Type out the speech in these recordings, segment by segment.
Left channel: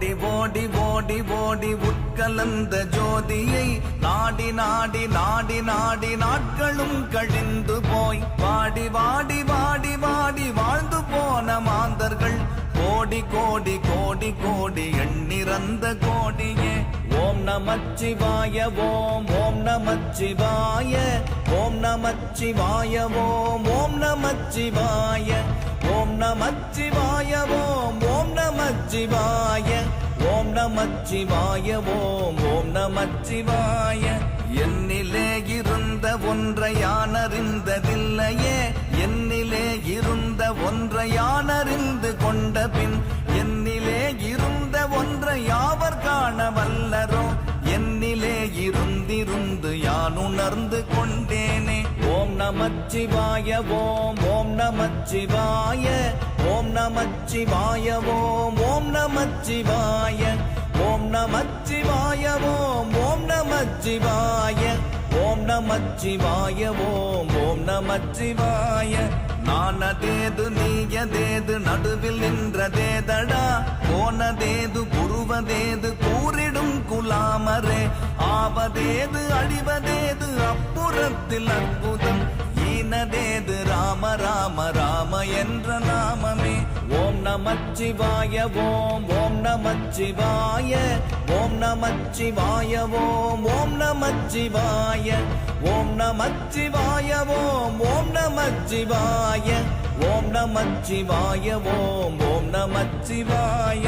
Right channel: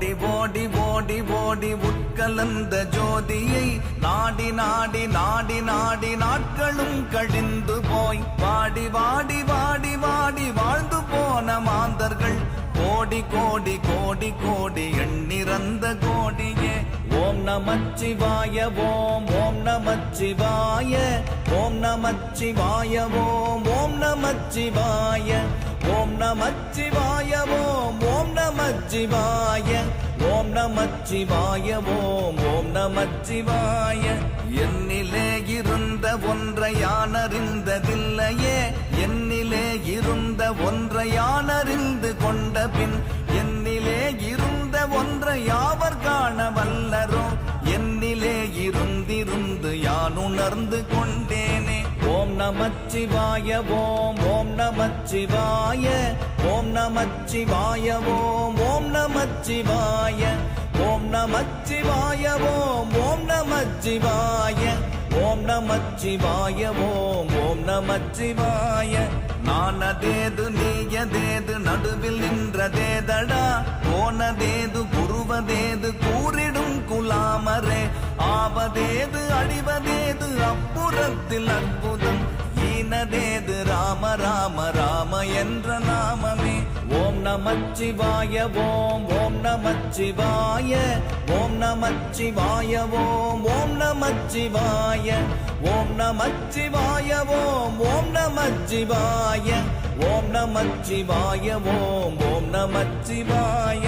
ஓடி ஓடி ஓடி ஓடி உட்கலந்த ஜோதியை நாடி நாடி நாடி நாடி நாட்களும் கழிந்து போய் வாடி வாடி வாடி வாடி வாழ்ந்து போன மாந்தர்கள் கோடி கோடி கோடி கோடி எண்ணிறந்த கோடியே. ஓம் நமச்சிவாய ஓம் ஓம் நமச்சிவாய ஓம் நமச்சிவாய ஓம் ஓம் நமச்சிவாய ஓம் நமச்சிவாய ஓம் ஓம் நமச்சிவாய ஓம் நமச்சிவாய ஓம் ஓம் நமச்சிவாய. என்னிலே இருந்த ஒன்றை யானறிந்ததில்லையே, என்னிலே இருந்த ஒன்றை யானறிந்து கொண்ட பின் என்னிலே இருந்த ஒன்றை யாவர் காண வல்லரோ, என்னிலே இருந்திருந்து யான் உணர்ந்து கொண்டேனே. ஓம் நமச்சிவாய ஓம் ஓம் நமச்சிவாய ஓம் நமச்சிவாய ஓம் ஓம் நமச்சிவாய ஓம் நமச்சிவாய ஓம் ஓம் நமச்சிவாய ஓம் நமச்சிவாய ஓம் ஓம் நமச்சிவாய. நானதேது நீயதேது நடுவில் நின்றதேதடா, போனதேது புருவதேது கூறிடும் குலாமரே, ஆவதேது அழிவதேது அப்புறத்தில் அற்புதம், ஈனதேது ராம ராம ராம என்ற நாமமே. ஓம் நமச்சிவாய ஓம் ஓம் நமச்சிவாய ஓம் நமச்சிவாய ஓம் ஓம் நமச்சிவாய ஓம் நமச்சிவாய ஓம் ஓம் நமச்சிவாய ஓம் நமச்சிவாய ஓம் ஓம் நமச்சிவாய.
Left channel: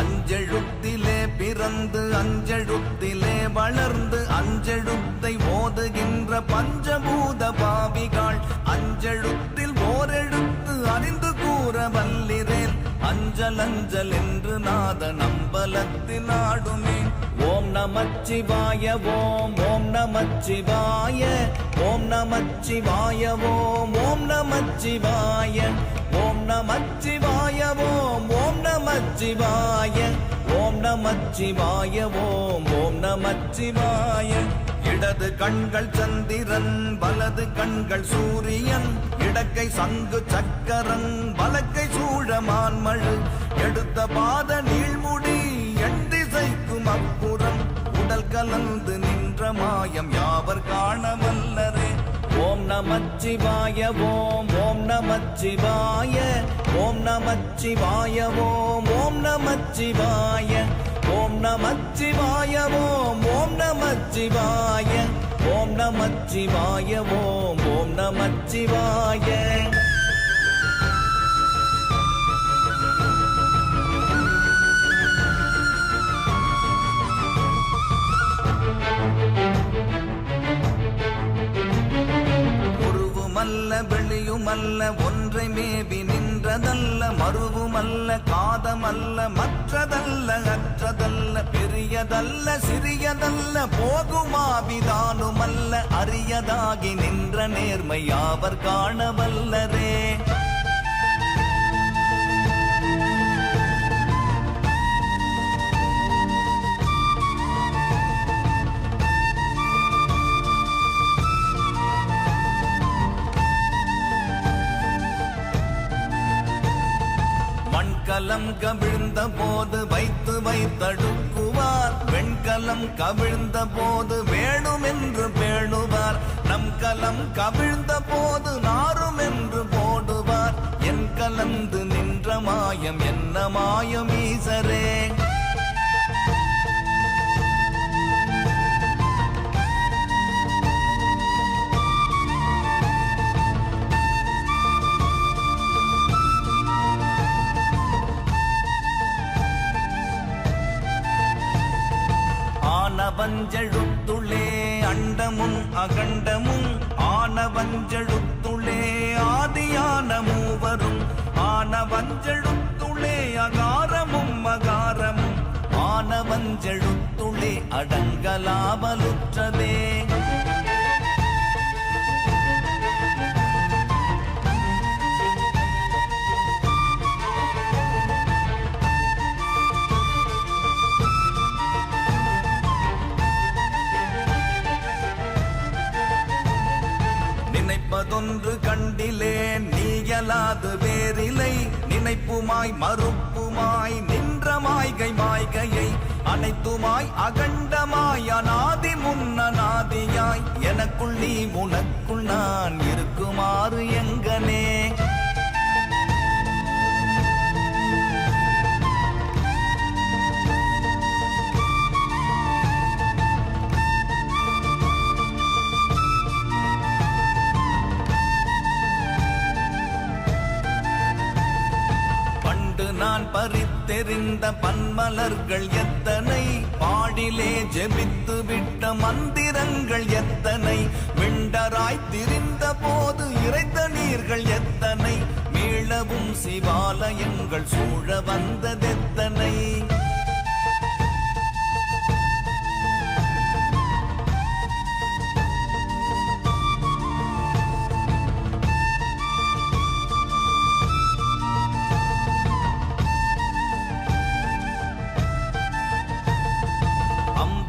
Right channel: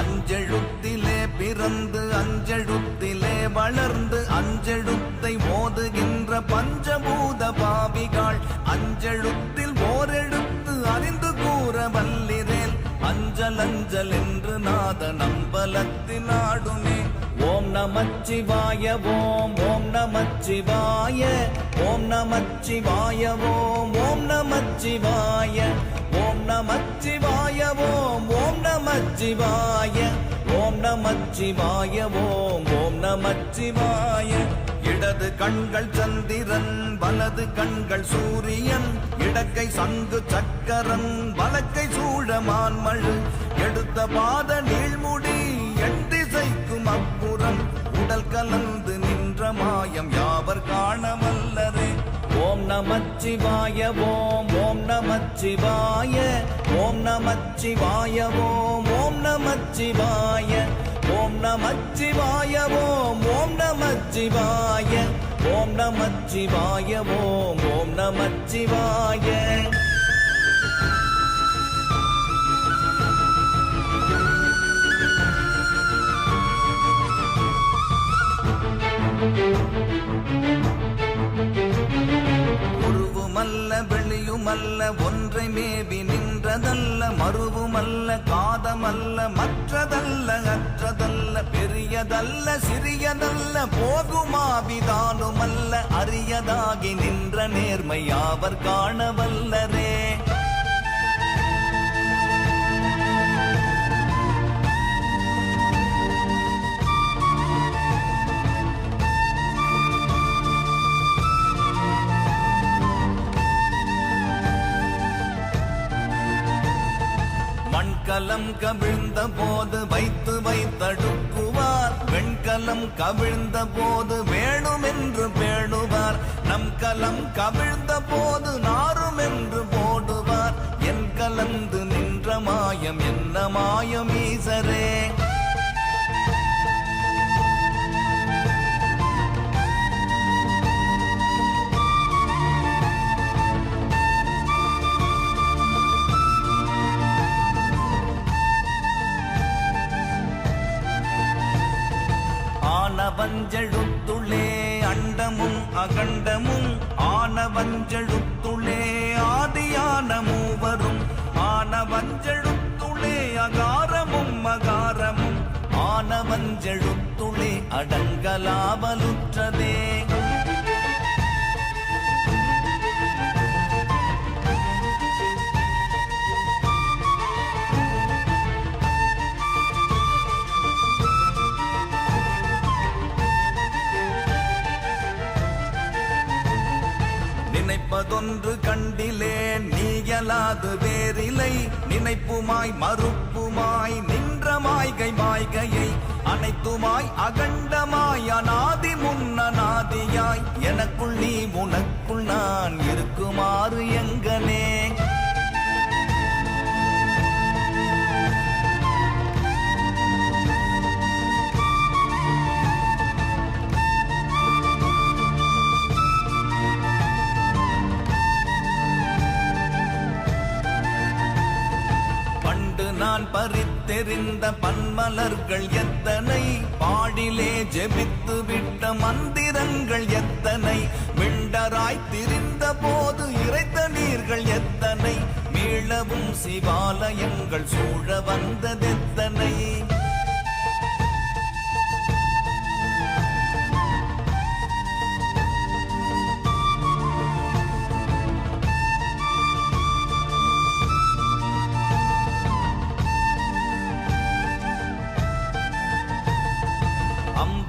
அஞ்செழுத்திலே பிறந்து அஞ்செழுத்திலே வளர்ந்து அஞ்செழுத்தை ஓதுகின்ற பஞ்சபூத பாவிகள் அஞ்செழுத்தில் ஓரெழுத்து அறிந்து கூற வல்லிரேன், அஞ்சல் அஞ்சல் என்று நாத நம்பலத்தின் ஆடுமே. ஓம் நமச்சிவாய ஓம் ஓம் நமச்சிவாய ஓம் நமச்சிவாய ஓம் ஓம் நமச்சிவாய ஓம் நமச்சிவாய ஓம் ஓம் நமச்சிவாய ஓம் நமச்சிவாய ஓம் ஓம் நமச்சிவாய. இடது கண்கள் சந்திரன் வலது கண்கள் சூரியன், இடக்கை சங்கு சக்கரம் வலக்கை சூழமான்மழ், எடுத்த பாத நீழ்முடி எண்டிசைக்கும் அப்புறம், உடல் கலந்து நின்ற மாயம் யாவர் காண வல்லரே. ஓம் நமச்சிவாய ஓம் ஓம் நமச்சிவாய ஓம் நமச்சிவாய ஓம் ஓம் நமச்சிவாய ஓம் நமச்சிவாய ஓம் ஓம் நமச்சிவாய ஓம் நமச்சிவாய ஓம் ஓம் நமச்சிவாய. உருவுமல்ல வெளியுமல்ல ஒன்றை மேவி நின்றதல்ல, மருவுமல்ல காதமல்ல மற்றதல்ல அற்றதல்ல, பெரியதல்ல சிறியதல்ல போகுமாவிதானுமல்ல, அரியதாகி நின்ற நேர்மை யாவர் காண வல்லரே. மண்கலம் கவிழ்ந்த போது வைத்து வைத்தடுக்குவார், வெண்கலம் கவிழ்ந்த போது வேணும் என்று பேணுவார், நம் கலம் கவிழ்ந்த போது நாரும் என்று போடுவார், என் கலந்து நின்ற மாயம் என்ன மாயம் ஈசரே. ஆனவஞ்செழுத்துளே அண்டமும் அகண்டமும், ஆனவஞ்செழுத்துளே ஆதியான மூவரும், ஆனவஞ்செழுத்துளே அகாரமும் அகாரமும், ஆனவஞ்செழுத்துளே அடங்கலாமலுற்றதே. மறுப்புமாய் நின்ற மாய்கை மாய்கை அகண்டமாய் அநாதி முன்னநாதியாய் எனக்குள் நீ உனக்குள் நான் இருக்குமாறு எங்கனே. நான் பறித்தெறிந்த பன்மலர்கள் எத்தனை, பாடிலே ஜெபித்து விட்ட மந்திரங்கள் எத்தனை, விண்டராய் திரிந்த போது இறைத்த நீர்கள் எத்தனை, மீளவும் சிவாலயங்கள் சூழ வந்ததெத்தனை.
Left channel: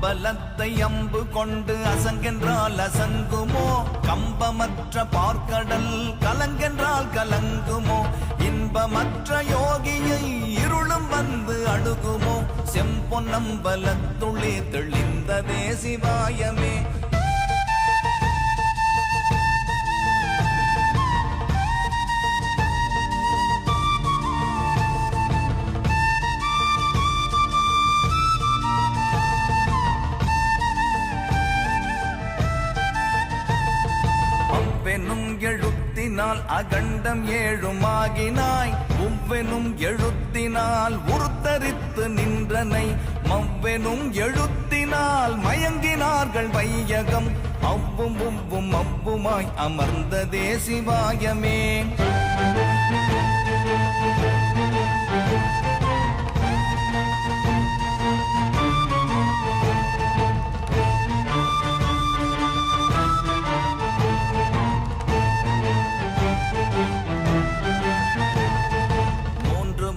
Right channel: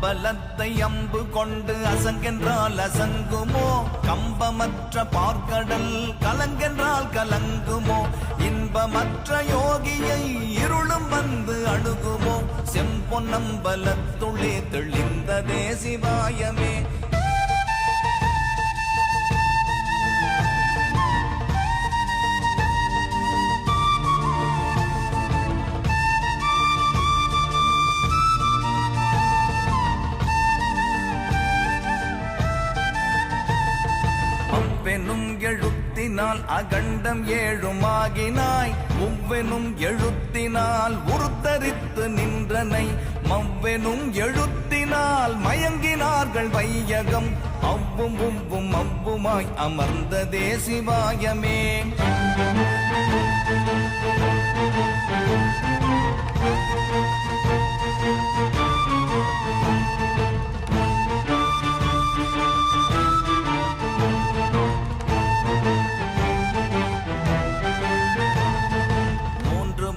பலத்தை அம்பு கொண்டு அசங்கென்றால் அசங்குமோ, கம்பமற்ற பார்க்கடல் கலங்கென்றால் கலங்குமோ, இன்பமற்ற யோகியை இருளும் வந்து அணுகுமோ, செம்பொன்னம்பலத்துளே தெளிந்ததே சிவாயமே. அகண்டம் ஏழுமாகினாய், முவ்வெனும் எழுத்தினால் உருத்தரித்து நின்றனை, மவ்வெனும் எழுத்தினால் மயங்கினார்கள் வையகம், அவ்வும் உவ்வும் அவ்வுமாய் அமர்ந்ததே சிவாயமே.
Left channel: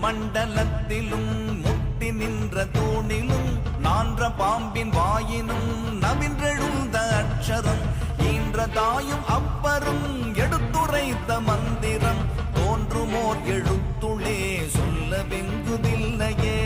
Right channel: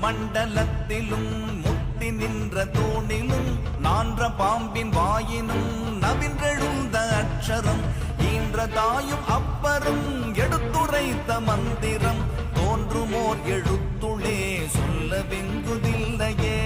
மண்டலத்திலும் முட்டி நின்ற தூணிலும் நான்ற பாம்பின் வாயினும் நவின்றெழுந்த அட்சரம், ஈன்ற தாயும் அப்பரும் எடுத்துரைத்த மந்திரம், தோன்றுமோர் எழுத்துளே சொல்ல விங்குதில்லையே.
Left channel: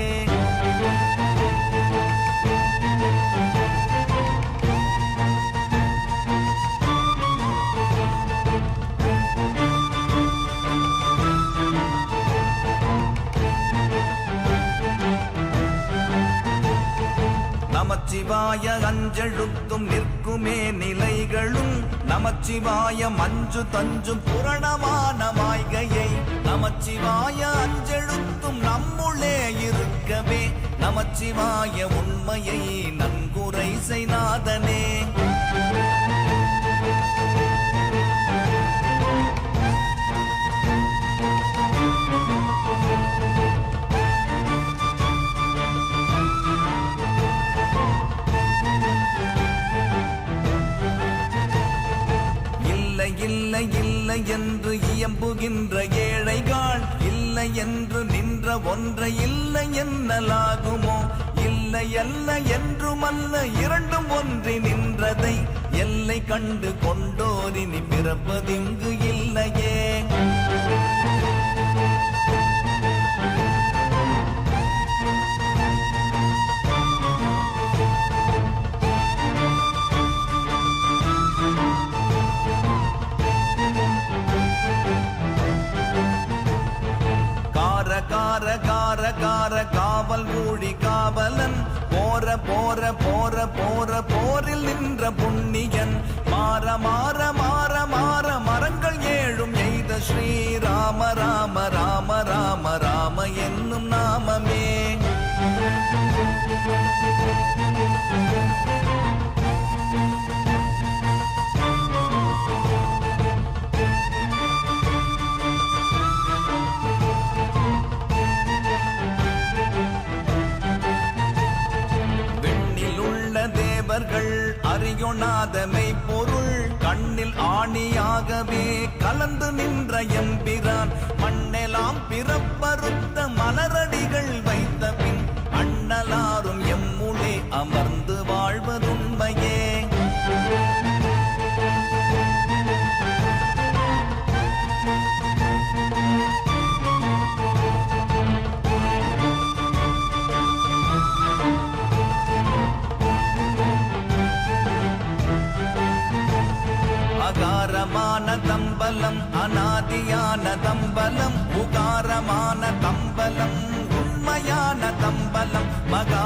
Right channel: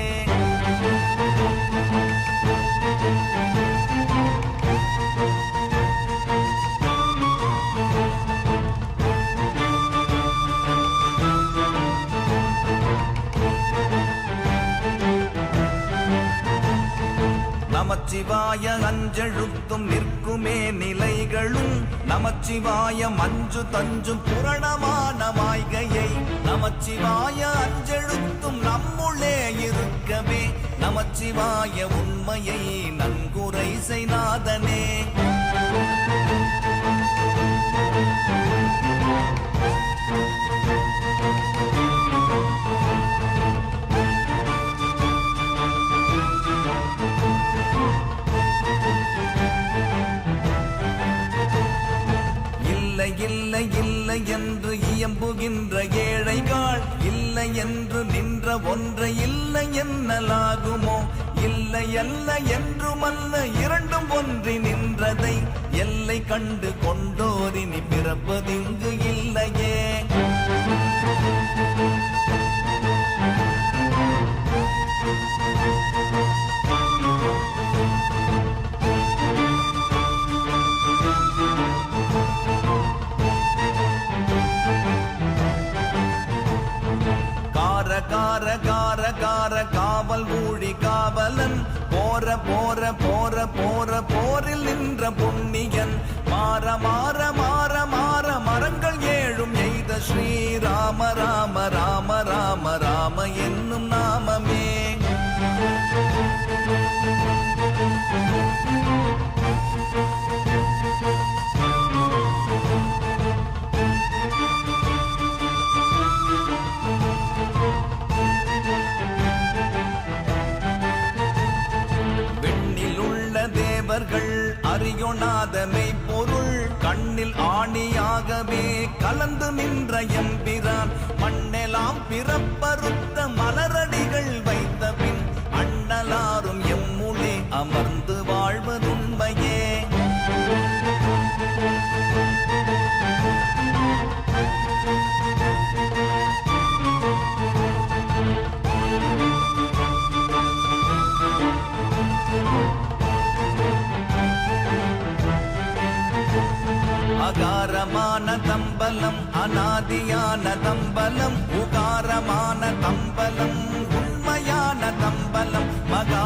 நமச்சிவாய அஞ்செழுத்தும் நிற்குமே நிலைகளும், நமச்சிவாய மஞ்சு தஞ்சும் புரணமான மாய்கையை, நமச்சிவாய அஞ்செழுத்தும் நம்முள்ளே இருக்கவே, நமச்சிவாய உண்மையை நன்குரை செய்நாதனே. இல்லை என்று இயம்புகின்ற ஏழைகள், இல்லை என்று நின்ற ஒன்றை இல்லை என்னலாகுமோ, இல்லை அல்ல என்றுமல்ல இரண்டும் ஒன்றி நின்றதை, எல்லை கண்டு கொண்டோரினி பிறப்பதிங்கு இல்லையே. காவல் மூழி காவலன், போற போற போற போற போரில் நின்ற புண்ணியன், மாற மாற மாற மாற மறந்து அகண்டமான தம்பலம் அநாதியான தம்பலம் உகாரமான தம்பலம் உண்மையான தம்பலம் மகா